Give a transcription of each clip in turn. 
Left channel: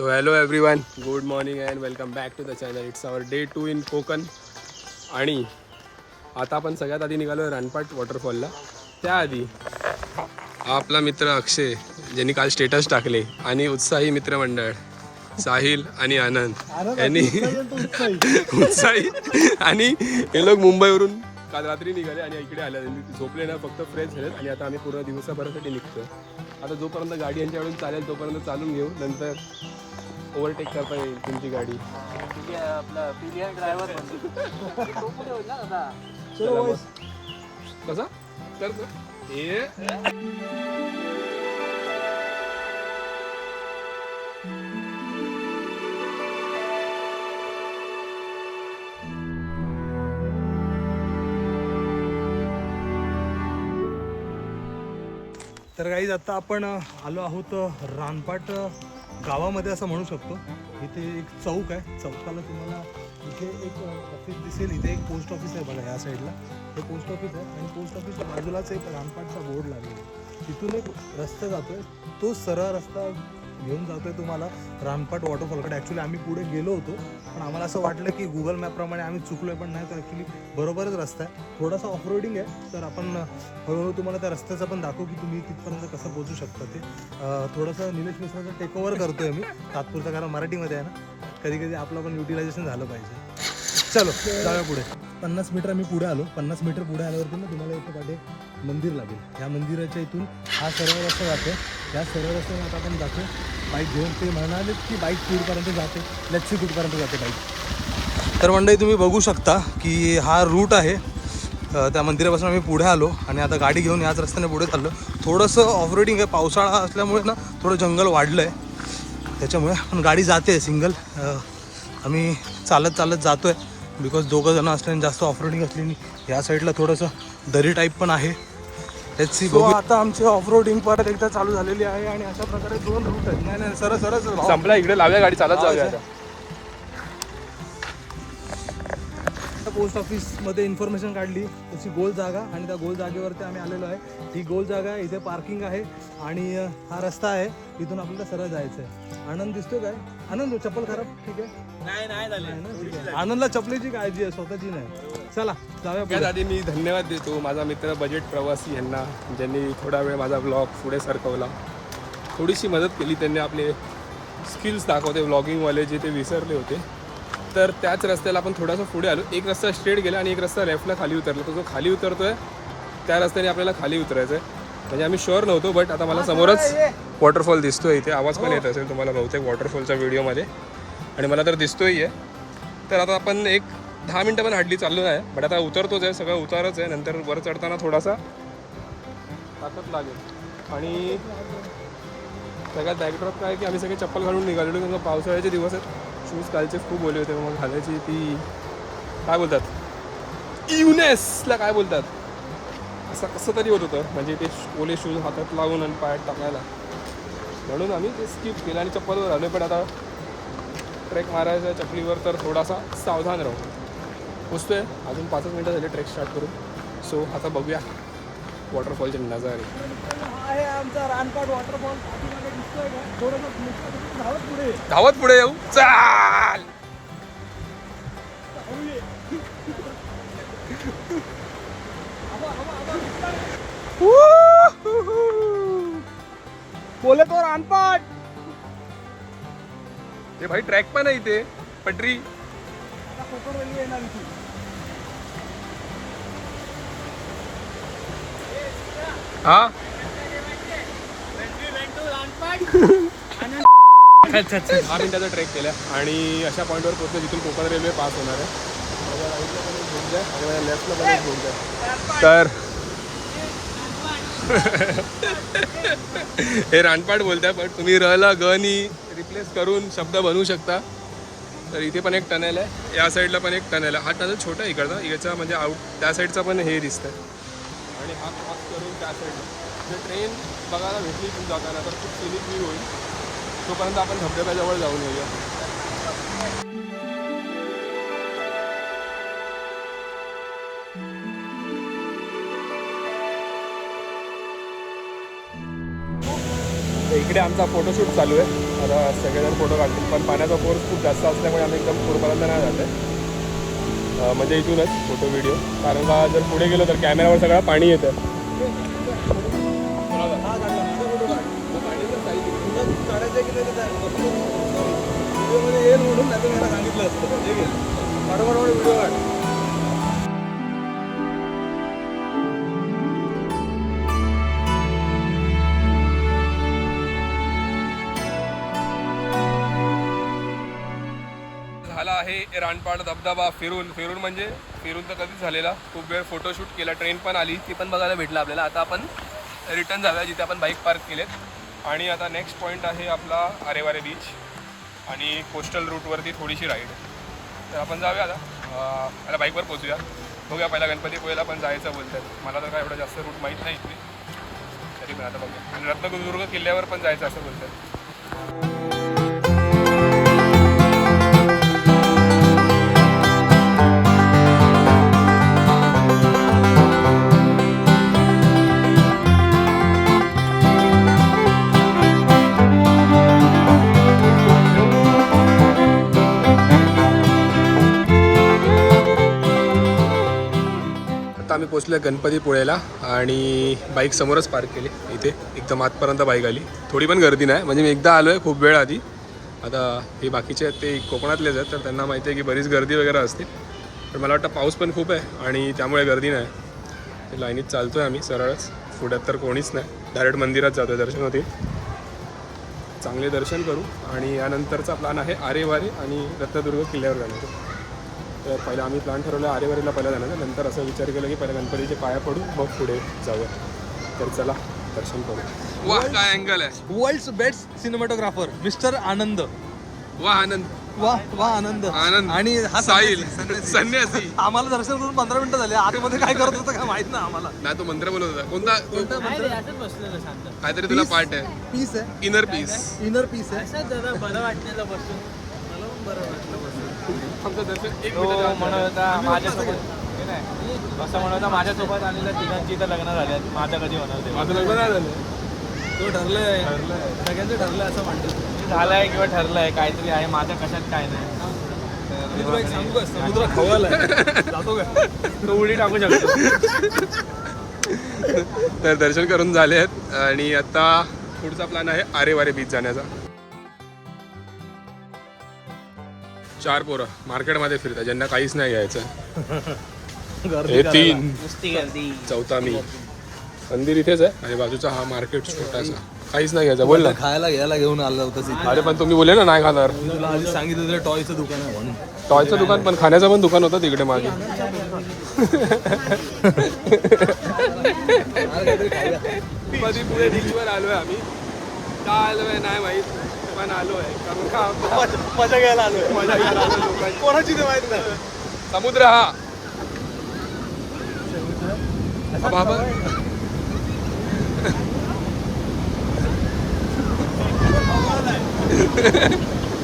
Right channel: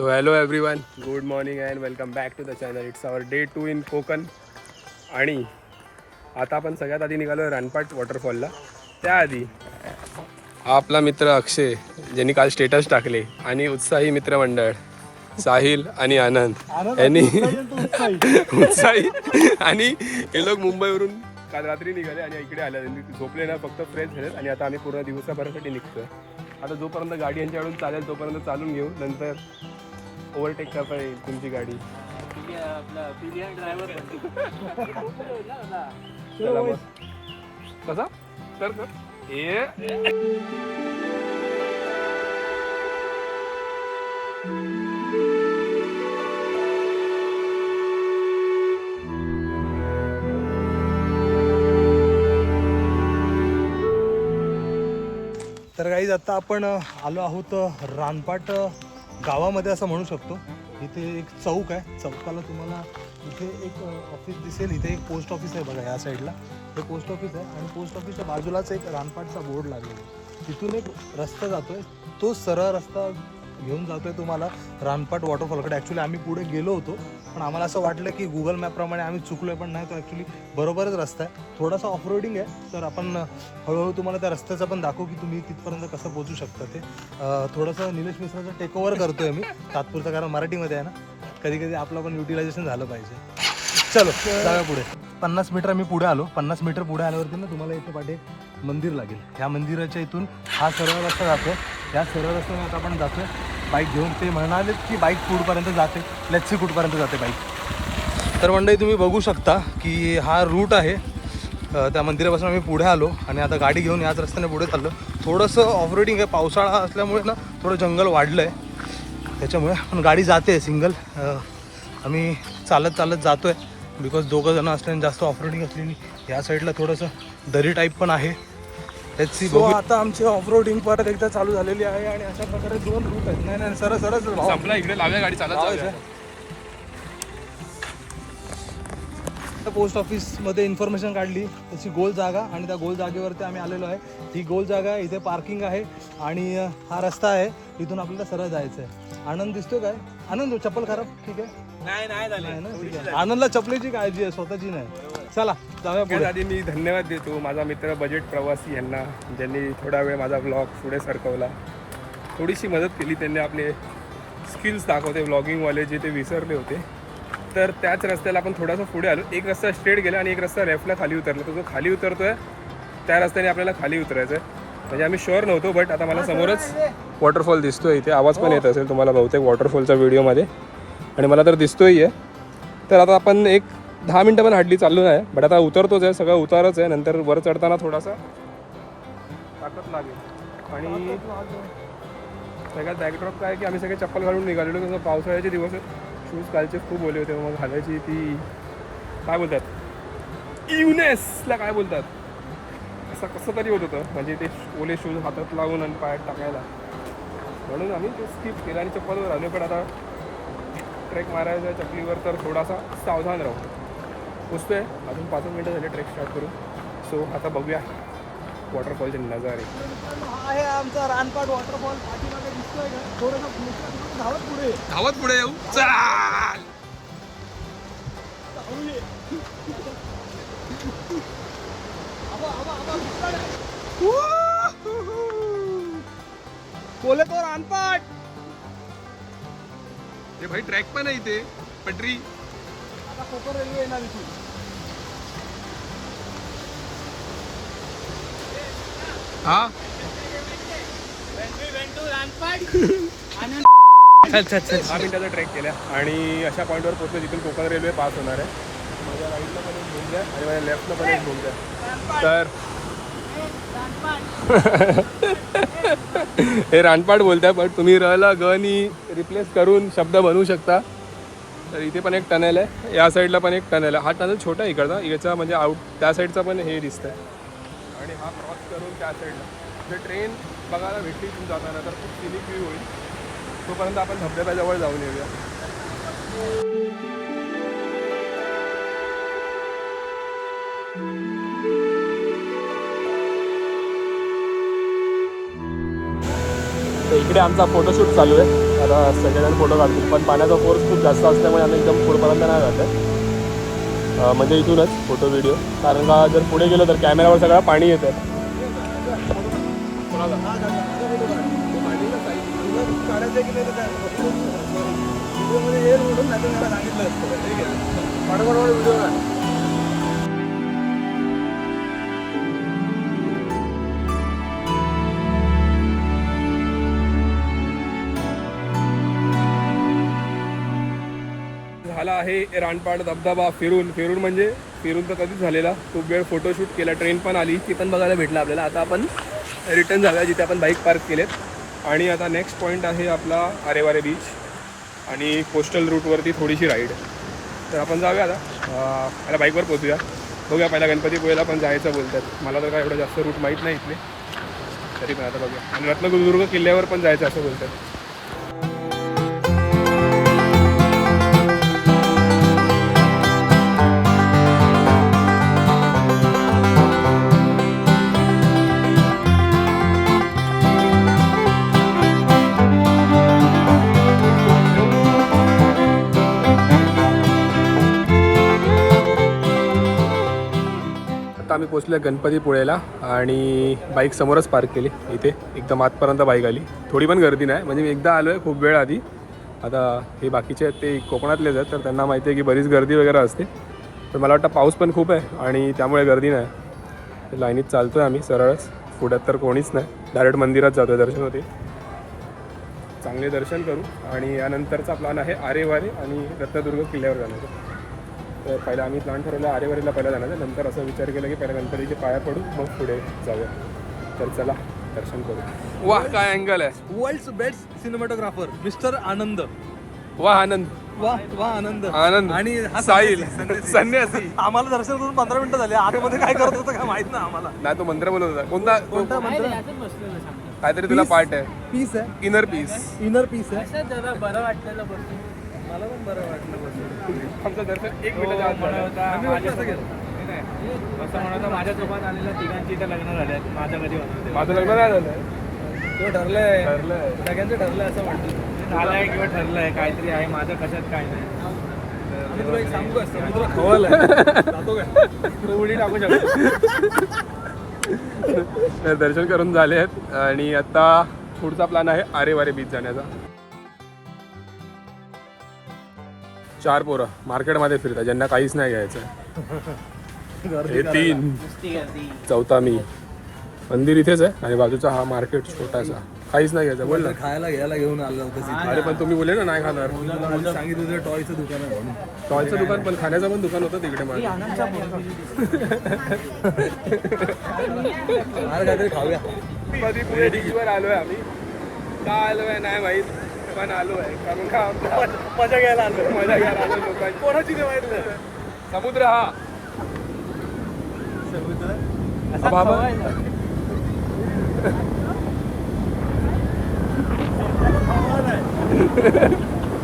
So hello everyone, good morning and welcome back to the channel. It's our day 2 in Konkan. आणि आता आपण सगळ्यात आधी निघालो आहे रानपाट वॉटरफॉलला. त्याआधी हा आपला मित्र अक्षय ज्यांनी काल स्टेटस टाकले आणि उत्साही मित्रमंडळ साहिल आणि आनंद यांनी उत्साही आणि हे लोक मुंबईवरून काल रात्री निघाले आणि इकडे आले. झोपले ना, फक्त फ्रेश झालेत आणि आता आम्ही पूर्ण दिवसाभरासाठी निघतोय. आता जोपर्यंत गाडी यांच्याकडून चालेल तोपर्यंत चालून घेऊ, नंतर ओव्हरटेक करता येईल तुमची गाडी. कसा तर तर गाईज आता आपण आलो आहोत रानपाट गावामध्ये असं म्हणू शकतो. इथे एक चौक आहे, चौकाला तुम्हाला इथे एक ऑफिस दिसेल. इथे एक पोस्ट ऑफिस आहे बघा, या साईडला हे पोस्ट ऑफिस आहे आणि पोस्ट ऑफिसच्या बाजूलाच एक रानपाटचा बोर्ड लागलेला आहे. तिथून एक रस्ता जातोय, तो सरळ रस्ता घेऊन जातोय तुम्हाला रानपाट वॉटरफॉलकडे. ॲक्च्युली आम्ही पुढे गेलो होतो पण आम्हाला असं वाटलं की गुगल मॅपप्रमाणे आम्ही चुकलोय, पण नाही, तर ॲक्च्युली बरोबरच रस्ता आहे. थोडासा ऑफ रोडिंग आहे, तर आपण हळूहळू तुम्हाला त्या रस्त्याचं पण दाखवू की तुम्ही कितपर्यंत कसं पोहोचू शकता ते. थोडंसं निलेश मिश्राचं टेक ओव्हर करतोय आम्ही तात्पुरतं, कारण मराठीमध्ये आहे ना, कधी कधी आपलं पण युटिलायझेशन झालं पाहिजे. चलो जाऊया पुढे. 50 मीटर मी पुढे आलो. 50 मीटर पुढे आल्यावरती ना तुम्हाला इथे पाठी मंदिर लागेल. ह्या मंदिराच्या इथून हा सरळ रस्ता जातो. या सरळ रस्त्यावर आपण जातो बाईक घेऊन. ते म्हणाले की बाईक कुठपर्यंत जाते, लेट्स सी कुठपर्यंत जाते बाईक. तर मंडळी तुम्ही बघू शकता की हा रूट आहे. त्या मंदिरापासून आम्ही पुढे आलो आणि आता गाडी घेऊन याच रस्त्याने पुढे चाललो. थोडंसं ऑफ रोडिंग आहे, पावसाळा असल्यामुळे ना थोडं जंगल वाढलं आहे त्याच्यामुळे, पण गाडी जाते सिंगल. आम्ही चालत चालत जातो आहे बिकॉज दोघं जणं असल्याने जास्त ऑफ रोडिंग असली. या साईडला थोडंसं दरी टाईप पण आहे. Let's see. आता आमची ऑफ रोडिंग परत एकदा चालू झालेली आहे आणि अशा प्रकारे 2 रूट आहेत. नाही सरळ संपला, इकडे लागल्या गाडी चालत जाऊया. पोस्ट ऑफिसमध्ये इन्फॉर्मेशन काढली, त्याची गोल जागा, आणि त्या गोल जागेवरती आम्ही आलेलो आहे. ही गोल जागा आहे, इथे पार्किंग आहे आणि हा रस्ता आहे, इथून आपल्याला सरळ जायचं आहे. आनंद दिसतोय काय? आनंद चप्पल खराब? ठीक आहे, नाही. आनंदला चपलेची काळजी आहे, स्वतःची नाही. चला जाऊया पुढे. आधी मी धन्यवाद देतो माझा मित्र बजेट प्रवासी यांना, ज्यांनी थोडा वेळ माझा ब्लॉग पुढे सरकवला, थोडीशी मदत केली. त्यांनी आपले स्किल्स दाखवते व्लॉगिंगवाले जे ते विसरले होते. तर त्याच रस्त्याला आपण थोडासा पुढे आलो. एक रस्ता स्ट्रेट गेला आणि एक रस्ता लेफ्टला खाली उतरला. तो जो खाली उतरतोय त्या रस्त्याने आपल्याला खाली उतरायचं आहे. म्हणजे आम्ही शुअर नव्हतो, बट आता मला समोरच वॉटरफॉल दिसतोय. इथे आवाज पण येत असेल तुम्हाला बहुतेक वॉटरफॉलच्या व्हिडिओमध्ये, आणि मला तर दिसतोही आहे. तर आता आपण एक 10 मिनटं पण हड्डी चालू आहे, बट आता उतरतोच आहे, सगळं उतारच आहे. नंतर वर चढताना थोडासा ताकद लागेल. आणि सगळ्यात बॅकड्रॉप काय की आम्ही सगळे चप्पल घालून निघालेलो, कारण पावसाळ्याचे दिवस आहेत. शूज कालचे खूप ओले होते, मग घालायची ती काय बोलतात, युनेसला काय बोलतात, असं कसं तरी होत होतं. म्हणजे ते ओले शूज हातात लावून आणि पायात टाकायला, म्हणून आम्ही ते स्किप केलं आणि चप्पलवर आलो. पण आता ट्रेक मारायचा चपलीवर, तर थोडासा सावधान राहू. पोचतो आहे, अजून 5 मिनटं झाले ट्रेक स्टार्ट करून. सो आता बघूया वॉटरफॉलचे नजारे. आहे आमचा रानपाट वॉटरफॉल. दिसतोय का? थोडंसं धावत पुढे येऊ, चाल. बोले तो रानपाट. हे भाई ट्रॅक पण आहे इथे, पटरी. आता कोकण रेल्वे येणार इथे. हा 10 मिनिटाचा ट्रेक केला आणि अशा पॉईंटवर पोहोचलो जिथून कोकण रेल्वे पास होणार आहे. माझ्या राईटला पण एक बोगदा आहे आणि माझ्या लेफ्टला पण एक बोगदा आहे. तर हे रानपाट बोलताय, पण तुम्ही रला गनी रिप्लेस करून शब्द बनवू शकता. तर इथे पण एक टनेल आहे, या साईडला पण एक टनेल आहे. हा टनेल छोटा आहे इकडचा, याचा म्हणजे आउट त्या साईडचा पण हे दिसतं आहे. आणि हा क्रॉस करून त्या साईडला जर ट्रेन बघायला भेटली तुम्ही जाताना तर खूप सिनिक व्ह्यू होईल. तोपर्यंत आपण धबधब्याजवळ जाऊन येऊया. इकडे आमचा फोटोशूट चालू आहे. आता सगळेजण फोटो काढतो, पण पाण्याचा फोर्स खूप जास्त असल्यामुळे आम्ही एकदम पुढेपर्यंत नाही जात आहे. म्हणजे इथूनच फोटो व्हिडिओ, कारण का जर पुढे गेलो तर कॅमेऱ्यावर सगळं पाणी येतं. काढायचं की व्हिडिओमध्ये येईल म्हणून नाही तर मला सांगितलं असतं. ठीक आहे, पाठोपाठ व्हिडिओ काढ. झाला आहे रानपाड धबधबा फिरून म्हणजे फिरून तर कधीच झालेला. खूप वेळ फोटोशूट केला, ट्रेन पण आली, ती पण बघायला भेटलं आपल्याला. आता आपण रिटर्न जाऊया जिथे आपण बाईक पार्क केलेत. आणि आता नेक्स्ट पॉईंट आहे आपला आरेवारे बीच आणि कोस्टल रूटवरती थोडीशी राईड. तर आपण जाऊया आता बाईकवर पोचूया. बघूया, पहिला गणपतीपुळेला पण जायचं बोलतात. मला तर काय एवढं जास्त रूट माहीत नाही इथले, तरी पण आता बघूया. आणि रत्नदुर्ग किल्ल्यावर पण जायचं असं बोलतात. आता आम्ही पोचलो आहे गणपतीपुळेला आणि बाईक समोरच पार्क केली. इथे एकदम आतपर्यंत बाईक आली. थोडी पण गर्दी नाही, म्हणजे मी एकदा आलो आहे खूप वेळ आधी. आता हे बाकीचे आहेत ते कोकणातलेच आहेत, तर त्यांना माहिती आहे की बरीच गर्दी वगैरे असते. पण मला वाटतं पाऊस पण खूप आहे आणि त्यामुळे गर्दी नाही. तर लाईनीत चालतो आहे आम्ही सरळच. पुढ्यात तर कोणीच नाही, डायरेक्ट मंदिरात जातो आहे, दर्शन होती. चांगले दर्शन करू आणि यानंतरचा प्लॅन आहे आरेवारे आणि रत्नदुर्ग किल्ल्यावर जाण्याचा. तर पहिला आम्ही प्लॅन ठरवला आरेवारीला पहिला जाण्याचा. नंतर असा विचार केला की पहिला गणपतीचे पाया पडू, मग पुढे जाऊया. तर चला दर्शन करू. वाह, काय अँगल आहे! वर्ल्ड्स बेस्ट सिनेमॅटोग्राफर मिस्टर आनंद. वाह आनंद, वाह आनंद. आनंद आणि हा साहिल संन्यासी. आम्हाला दर्शन करून 15 मिनिटं झाले. आतमध्ये काय करत होतं काय माहित नाही आम्हाला. नाही, तो मंत्र बोलत होता. कोणता काहीतरी तुला पार्ट आहे, पीस आहे, इनर पीस. इनर पीस आहे. बरं वाटण्याचा बसून मला पण बरं वाटलं बसून. आमचं दर्शन 1 मिनिटाच्या आत झालं. आम्ही वाटलं असं गेलो. असं म्हणून माझ्यासोबत आलेल्या तिघांची इथं लग्न झाल्यात. माझं कधी बनवते माझं लग्न नाही झालं. तो ठरलंय, सगळ्यांचं ठरलंय असं म्हणतो. झालंय किंवा ठरलंय काहीतरी आहे. माझं कशात काय नाही. आम्ही तुला एक सांगू का, समुद्र खवळलाय. जातो का तू उडी टाकू शकतो. तर दर्शन करून झाले आहेत आणि आता पुढचा प्लॅन आहे आरेवारे बीच जाण्याचा. 4 पोरं मार्केटमध्ये फिरतात, ज्यांना काहीच नाही घ्यायचं. हे 3, नुसती गर्दी. चौथा मी. मंदिर इथेच आहे आणि बाजूचा हा मार्केट छोटासा. काहीच नाही घ्यायचं. बोल ना. खायला घ्यायला घेऊन आलं होतं. अरे पण तुम्ही बोलले ना नाही खाणार. तुला आधी सांगितलं तुला टॉयचं दुकान आहे म्हणून. टॉयचं दुकान पण खाण्याचं पण दुकान होतं तिकडे मागे. गणपतीपुळे बीचवर आलोय आम्ही. का आलोय नाही माहीत, पण आलोय कारण का मजा घ्यायला आलोय. मजा घ्यायला आलो लोकांची. कोणाची ते माहित नाही. समुद्र हा बाबा.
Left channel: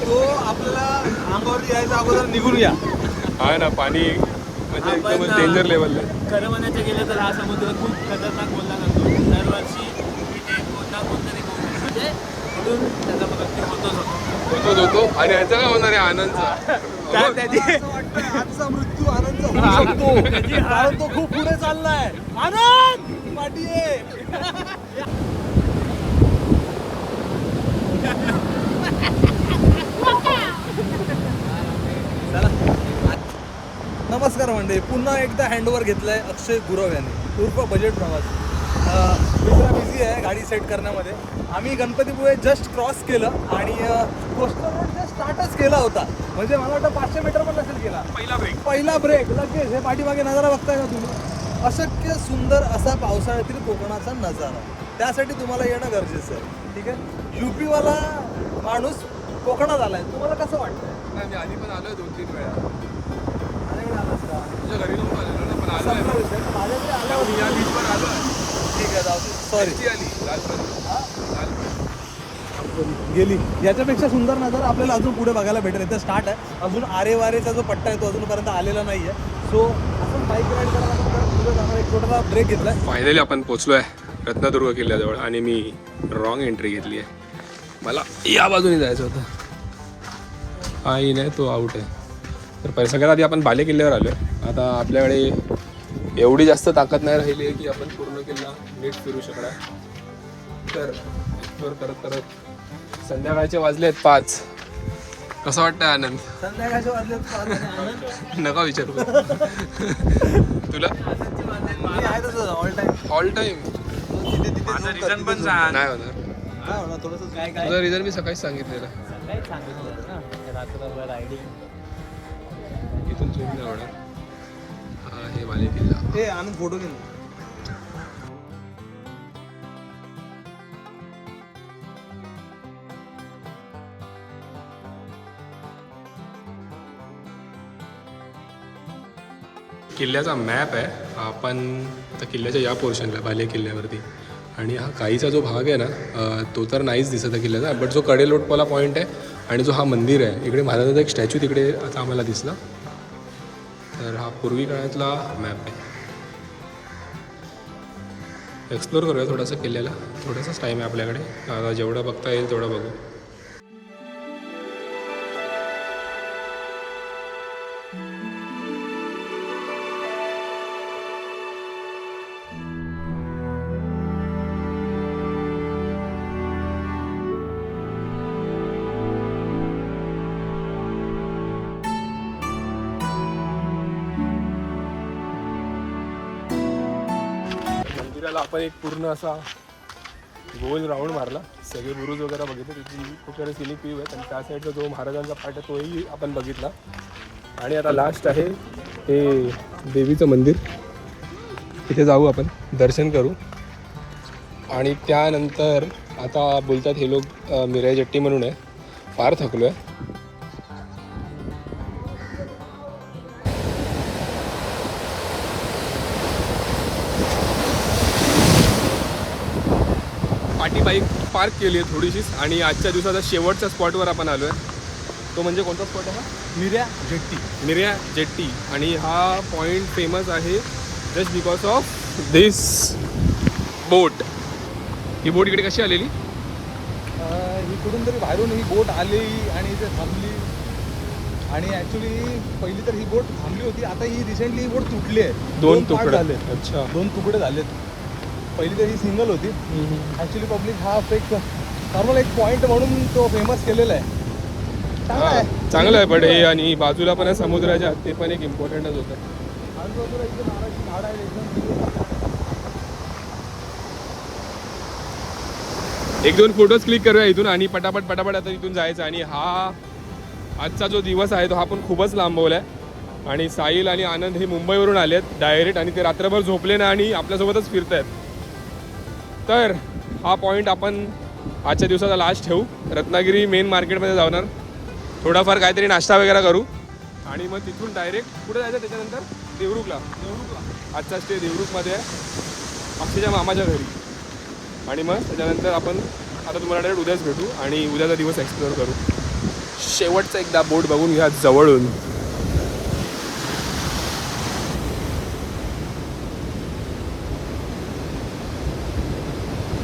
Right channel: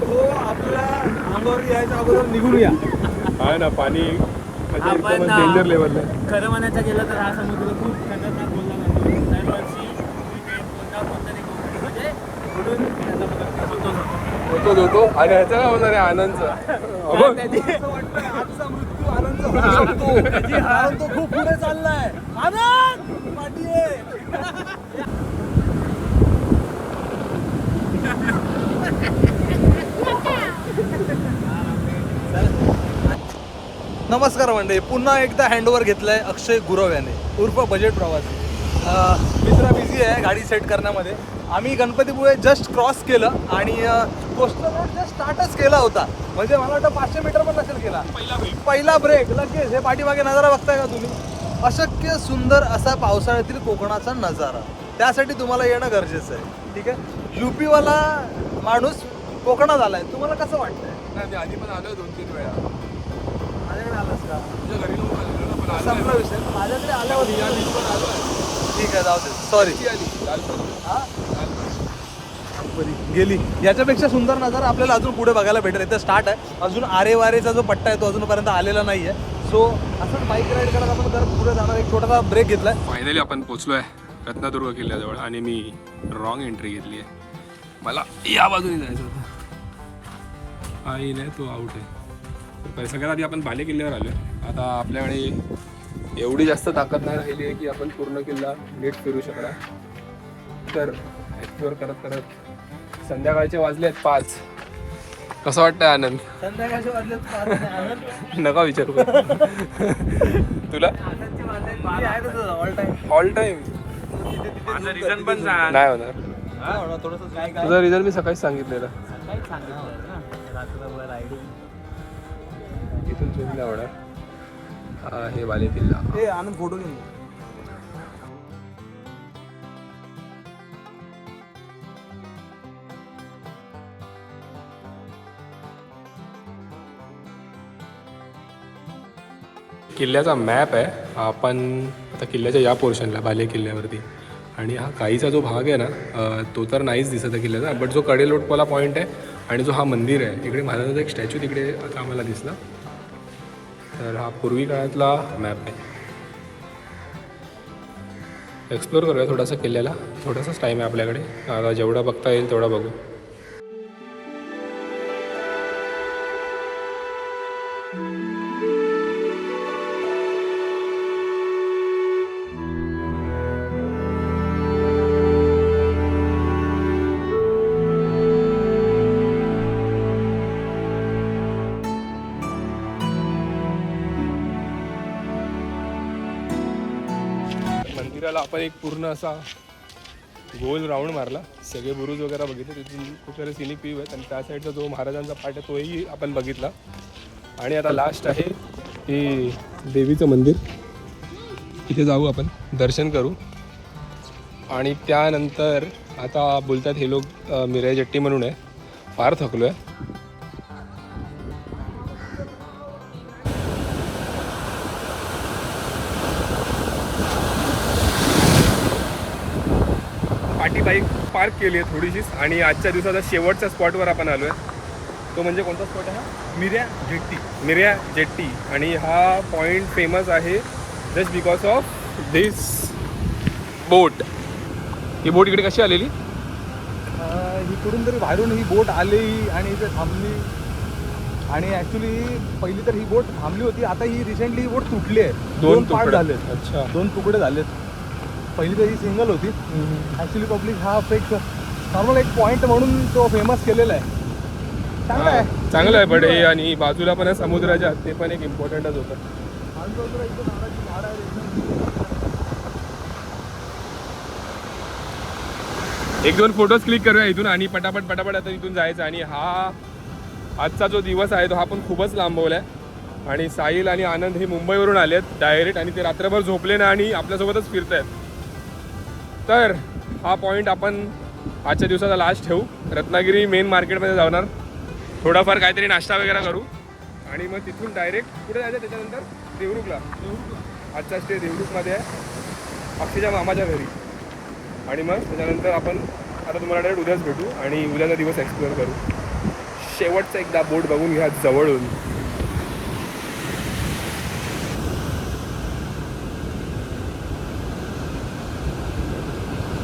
तो आपल्याला अंगावर यायचा अगोदर निघून या. हा ना, पाणी म्हणजे एकदम डेंजर लेवलला. खरं म्हणायचं गेलं तर हा समुद्र खूप खतरनाक बोलला जातो. दरवर्षी इथे कोणतरी म्हणजे उडून त्याचा मृत्यू होतोच होतो आणि ह्याचा काय होणार आहे आनंदचा. आजचा मृत्यू आनंद तो खूप पुढे चाललाय. आनंद पाठी नमस्कार मंडळी, पुन्हा एकदा हँडओव्हर घेतलाय अक्षय गुरव याने उर्फ बजेट प्रवासी. मित्रा बिझी आहे गाडी सेट करण्यामध्ये. आम्ही गणपतीपुळे जस्ट क्रॉस केलं आणि कोस्टल रोड जस्ट स्टार्टच केला होता. म्हणजे मला वाटतं 500 मीटर पण नसेल केला. पहिला ब्रेक लगेच हे पाठीमागे नजारा बघताय ना तुम्ही. अशक्य सुंदर असा पावसाळ्यातील कोकणाचा नजारा. त्यासाठी तुम्हाला येणं गरजेचं आहे. ठीक आहे, युपीवाला माणूस कोकणात आलाय. तुम्हाला कसं वाटतं? नाही, मी आधी पण आलोय 2-3 वेळा. माझ्याकडे आलंच का? तुझ्या घरी नको आलं ना, पण आलोय. संपला विषय. माझ्याकडे आल्यावर या बीच पण आलोय. ठीक आहे, जाऊ दे. सॉरी ती आली लालपरी. गेली. याच्यापेक्षा सुंदर नजारा आपल्याला अजून पुढे बघायला भेटेल. इथं स्टार्ट आहे. अजून आरेवारेचा जो पट्टा आहे तो अजूनपर्यंत आलेला नाही आहे. सो असं बाईक राईड करत आपण जर पुढे जाणार एक छोटासा ब्रेक घेतलाय. फायनली आपण पोचलो आहे रत्नदुर्ग किल्ल्याजवळ आणि मी रॉंग एंट्री घेतली आहे. मला या बाजूने जायचं होतं. हा इन आहे, तो आउट आहे. तर सगळ्यात आधी आपण बाले किल्ल्यावर आलो आहे. आता आपल्याकडे एवढी जास्त ताकद नाही राहिली आहे की आपण पूर्ण किल्ला नीट फिरू शकणार. तर एक्सप्लोअर करत करत संध्याकाळचे वाजलेत 5. कसं वाटतंय आनंद? संध्याकाळचे वाजले आनंद नका विचारू. तुला ऑल टाइम माझा रिझन पण सांग. नाही होणार. तुझं रिझन मी सकाळीच सांगितलेलं. इथून चूक नाही होणार. हा हे बाले किल्ला. आनंद फोटो नाही. किल्ल्याचा मॅप आहे. आपण आता किल्ल्याच्या या पोर्शनला बाले किल्ल्यावरती, आणि हा काहीचा जो भाग आहे ना तो तर नाहीच दिसत आहे किल्ल्याचा, बट जो कडेलोटवाला पॉईंट आहे आणि जो हा मंदिर आहे इकडे महाराजांचा एक स्टॅच्यू तिकडे आता आम्हाला दिसला. तर हा पूर्वी काळातला मॅप आहे. एक्सप्लोर करूया थोडासा किल्ल्याला. थोडासाच टाईम आहे आपल्याकडे. आता जेवढा बघता येईल तेवढा बघू. मंदिराला आपण एक पूर्ण असा गोल राऊंड मारला. सगळे बुरुज वगैरे बघितले. तिथून खूप सारे सिनिक व्ह्यू आहेत आणि त्या साईडचा जो महाराजांचा पाठ आहे तोही आपण बघितला. आणि आता लास्ट आहे ते देवीचं मंदिर. तिथे जाऊ, आपण दर्शन करू. आणि त्यानंतर आता बोलतात हे लोक मिराई जट्टी म्हणून आहे. फार थकलो आहे. पाठी बाईक पार्क केली आहे थोडीशीच. आणि आजच्या दिवसाचा शेवटच्या स्पॉटवर आपण आलो आहे. तो म्हणजे कोणता स्पॉट आहे हा? मिर्या जेट्टी. आणि हा पॉईंट फेमस आहे जस्ट बिकॉज ऑफ दिस बोट. ही बोट इकडे कशी आलेली? इकडून तरी बाहेरून ही बोट आली आणि इथे थांबली. आणि ॲक्च्युली पहिली तर ही बोट थांबली होती. आता ही रिसेंटली ही बोट तुटली आहे. 2 तुकडे झाले. अच्छा. 2 तुकडे झालेत. पहिली तरी सिंगल होती. ॲक्च्युली पब्लिक हा एक आम्हाला एक पॉईंट म्हणून तो फेमस केलेला आहे. हां चांगलं आहे. बट हे आणि बाजूला पण आहे समुद्राच्या, ते पण एक इम्पॉर्टंटच होतं. एक 2 फोटोज क्लिक करूया इथून आणि पटापट आता इथून जायचं. आणि हा आजचा जो दिवस आहे तो हा पण खूपच लांबवला आहे. आणि साहिल आणि आनंद हे मुंबईवरून आले आहेत डायरेक्ट, आणि ते रात्रभर झोपले ना आणि आपल्यासोबतच फिरत आहेत. तर हा पॉईंट आपण आजच्या दिवसाचा लास्ट ठेवू. रत्नागिरी मेन मार्केटमध्ये जाणार, थोडाफार काहीतरी नाश्ता वगैरे करू आणि मग तिथून डायरेक्ट पुढे जायचं. त्याच्यानंतर देवरुखला. आजचा स्टे देवरुखमध्ये आहे, अक्षयच्या मामाच्या घरी. आणि मग त्याच्यानंतर आपण आता तुम्हाला डायरेक्ट उद्याच भेटू आणि उद्याचा दिवस एक्सप्लोअर करू. शेवटचा एकदा बोट बघून घ्या जवळून.